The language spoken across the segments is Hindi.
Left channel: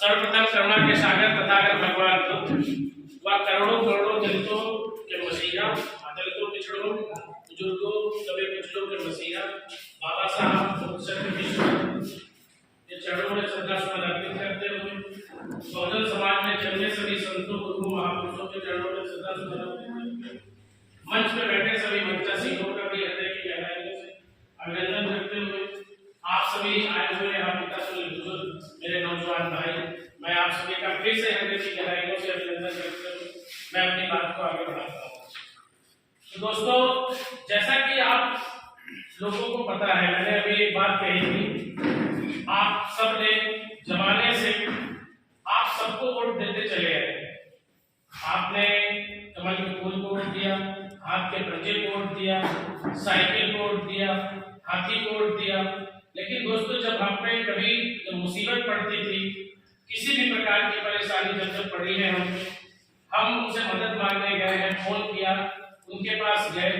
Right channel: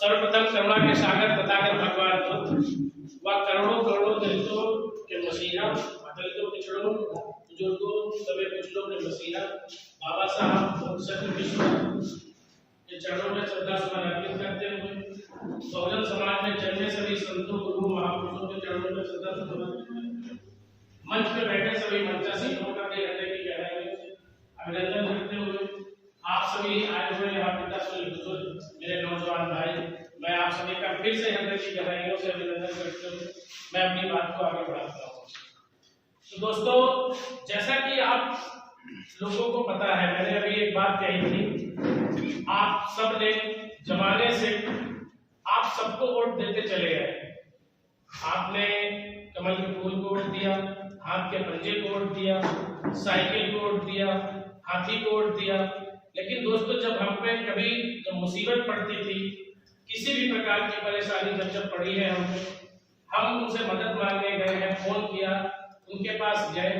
सर्वप्रथम करुणा के सागर तथागत भगवान बुद्ध व करोड़ों करोड़ों दलितों के मसीहा, दलितों पिछड़ों बुजुर्गों सभी पिछड़ों के मसीहा बाबा साहब के चरणों में श्रद्धा सुमन अर्पित करते हुए बहुजन समाज में जन्मे सभी संतों गुरु महापुरुषों के चरणों में श्रद्धा सुमन अर्पित मंच पर बैठे सभी मंचासी लोगों का भी हृदय की गहराइयों से अभिनंदन करते हुए आप सभी आए हुए यहाँ पिता बुजुर्ग मेरे नौजवान भाई, मैं आप सभी का फिर से हृदय की गहराइयों से अभिनंदन करते हुए मैं अपनी बात को आगे बढ़ाता हूँ। तो दोस्तों, जैसा कि आप लोगों को पता है, मैंने अभी एक बात कही थी, आप सब ने जमाने से आप सबको वोट देते चले आए। आपने कमल के फूल को वोट दिया, हाथ के पंजे को वोट दिया, साइकिल को वोट दिया, हाथी को वोट दिया। लेकिन दोस्तों, जब हम पे कभी जब मुसीबत पड़ती थी, किसी भी प्रकार की परेशानी जब पड़ी है हम उनसे मदद मांगने गए हैं, फोन किया, उनके पास गए,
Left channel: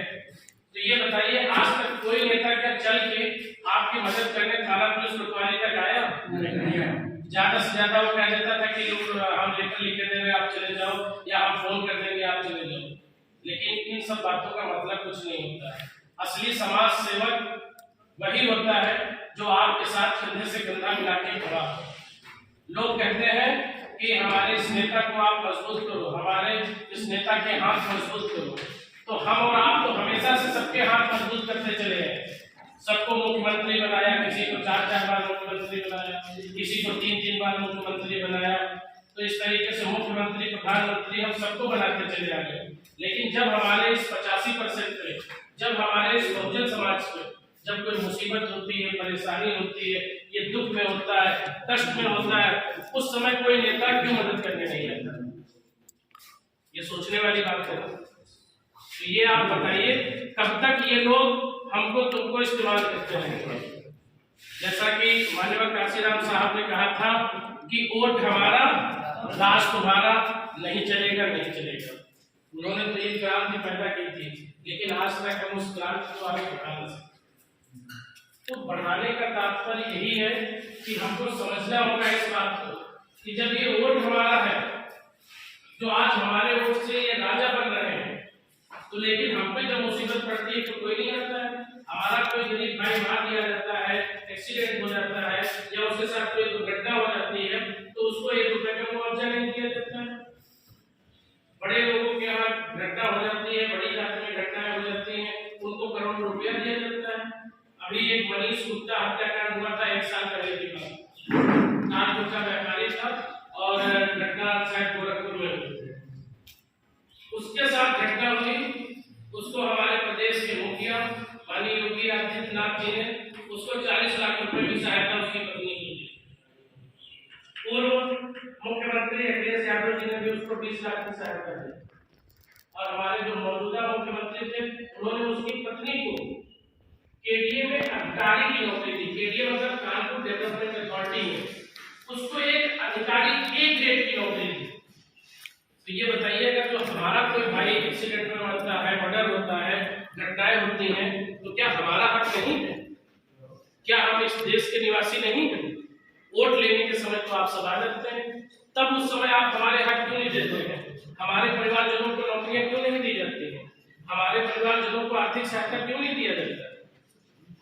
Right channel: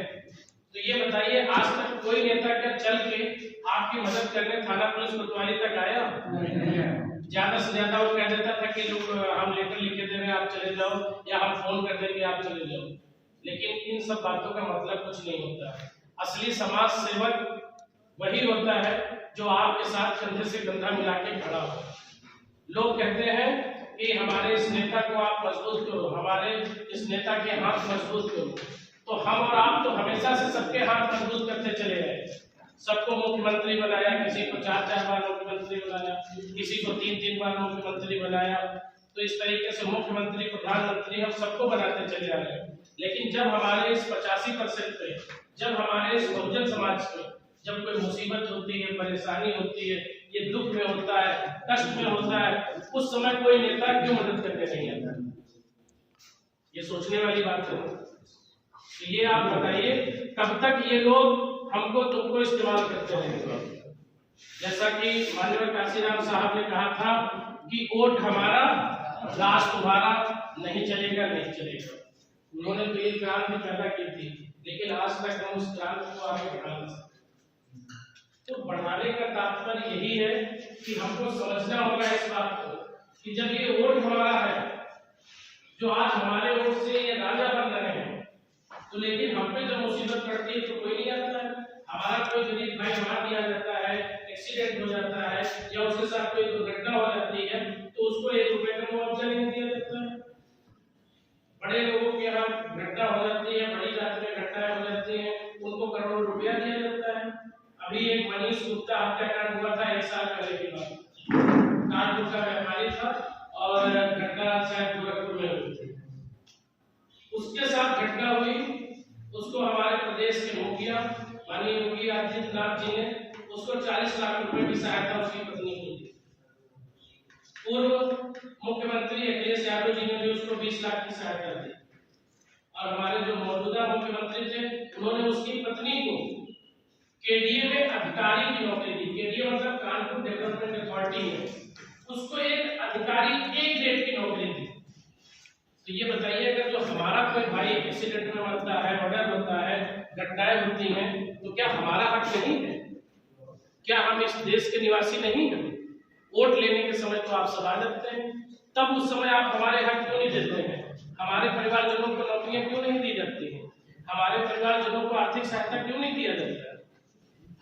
तो ये बताइए आज तक कोई नेता क्या चल के आपकी मदद करने थाना पुलिस कोतवाली तक आया? नहीं। ज्यादा से ज्यादा वो कह देता था कि लोग हम लेटर लिख के दे रहे हैं, आप चले जाओ, या हम फोन कर देंगे, आप चले जाओ। लेकिन इन सब बातों का मतलब कुछ नहीं होता है। असली समाज सेवक वही होता है जो आपके साथ कंधे से कंधा मिला के खड़ा हो। लोग कहते हैं कि हमारे इस नेता को आप मजबूत करो, हमारे इस नेता के हाथ मजबूत करो। तो हम और आप तो हमेशा से सबके हाथ मजबूत करते चले हैं। सबको मुख्यमंत्री बनाया, किसी को 4-4 बार मुख्यमंत्री बनाया, किसी को 3-3 बार मुख्यमंत्री बनाया। तो इस तरीके से मुख्यमंत्री, प्रधानमंत्री हम सबको बनाते चले आ गए। लेकिन जब हमारे इस 85% पे, जब हमारे इस बहुजन समाज पे जब कोई मुसीबत होती है, परेशानी होती है, ये दुख में होता है, कष्ट में होता है, उस समय कोई नेता क्यों मदद करने नहीं आता? ये सोचने वाली बात है। तो ये आप बताइए, कब तक ये लोग हमको तुमको इस्तेमाल करते रहेंगे? जैसा कि माननीय काशीराम साहब ने कहा था कि वोट हमारा, राज तुम्हारा, नहीं चलेगा, नहीं चलेगा। उन्होंने तो ये क्रांति पैदा की थी, लेकिन आज तक हम उस क्रांति को आगे बढ़ा नहीं सकते। तो बढ़ाने का तात्पर्य यही है कि हमको समझना होगा इस बात को कि जब ये वोट हमारा है, जो आज हमारे वोट से ये राजा बन रहे हैं, तो लेकिन हम पे जब मुसीबत पड़ती है तो कोई नहीं आता है। हमारा कोई गरीब भाई मार दिया जाता है, एक्सीडेंट हो जाता है, या उसके साथ कोई दुर्घटना हो जाती है, तो उसको 1 रुपए का मुआवजा नहीं दिया जाता है। बड़े लोगों के यहाँ घटना हो जाती है, बड़ी जाति में घटनाएं हो जाती हैं, उनको करोड़ों रुपया दिया जाता है। अभी एक मनीष गुप्ता हत्याकांड हुआ था 1 साल पहले की बात। कानपुर का व्यापारी था और घटना शायद गोरखपुर में हुई थी। उसके साथ घटना हुई, उसको हमारे प्रदेश के मुखिया माननीय योगी आदित्यनाथ जी ने उसको 40 लाख रुपए की सहायता उसकी पत्नी को दी। पूर्व मुख्यमंत्री अखिलेश यादव जी ने भी उसको 20 लाख की सहायता दी। और हमारे जो मौजूदा मुख्यमंत्री थे, उन्होंने उसकी पत्नी को केडीए में अधिकारी की नौकरी दी। केडीए मतलब कानपुर डेवलपमेंट अथॉरिटी में उसको एक अधिकारी A ग्रेड की नौकरी दी। तो ये बताइएगा, जो हमारा कोई भाई एक्सीडेंट में मरता है, मर्डर होता है, घटनाएं होती हैं, तो क्या हमारा हक नहीं है? क्या हम इस देश के निवासी नहीं हैं? वोट लेने के समय तो आप सवाल रखते हैं, तब उस समय आप हमारे हक क्यों नहीं देते हैं? हमारे परिवारजनों को नौकरियां क्यों नहीं दी जाती हैं? हमारे परिवारजनों को आर्थिक सहायता क्यों नहीं दिया जाता?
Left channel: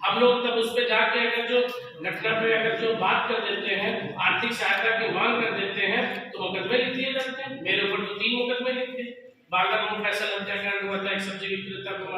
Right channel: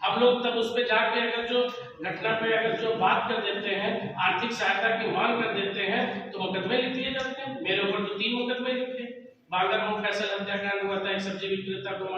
हम लोग तब उस पे जाके अगर जो घटना पे अगर जो बात कर देते हैं, आर्थिक सहायता की मांग कर देते हैं, तो मुकदमे लिख दिए जाते हैं। मेरे ऊपर तो 3 मुकदमे लिखे। बागरमऊ फैसल हत्याकांड हुआ था, एक सब्जी विक्रेता को